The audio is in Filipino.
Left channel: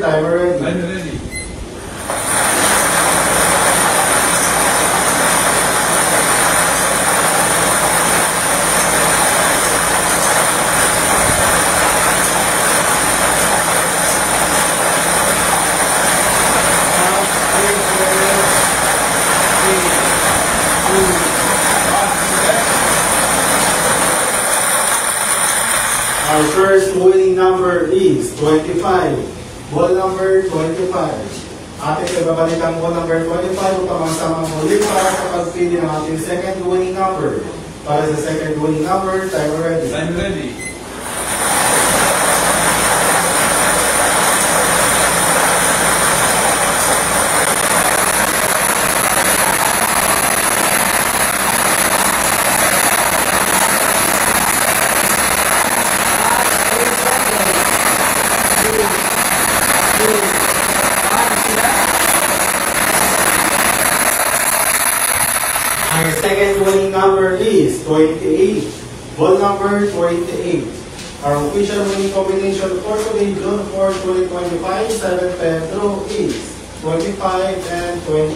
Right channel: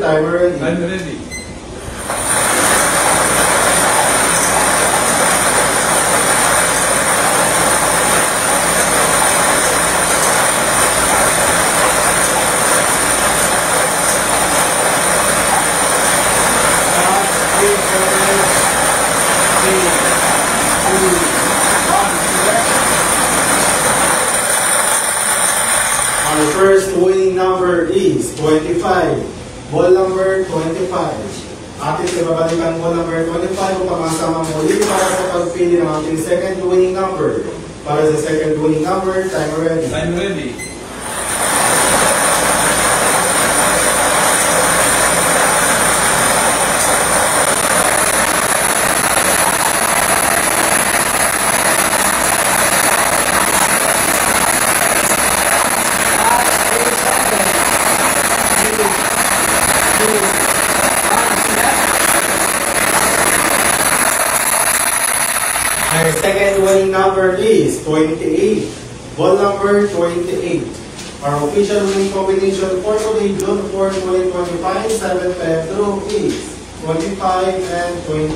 number, timer ready. I'm ready. Our first winning number is 25. Ball number 25. Atin sa babalikan ball number 25 upang masamang muli para sa pagpili ng ating second winning number. Para sa second winning number, timer ready. I'm ready. Our second winning number is 28. Ball number 28. Our official winning combination for today, June 4, 2025, 7 Pedro is 25 and 20.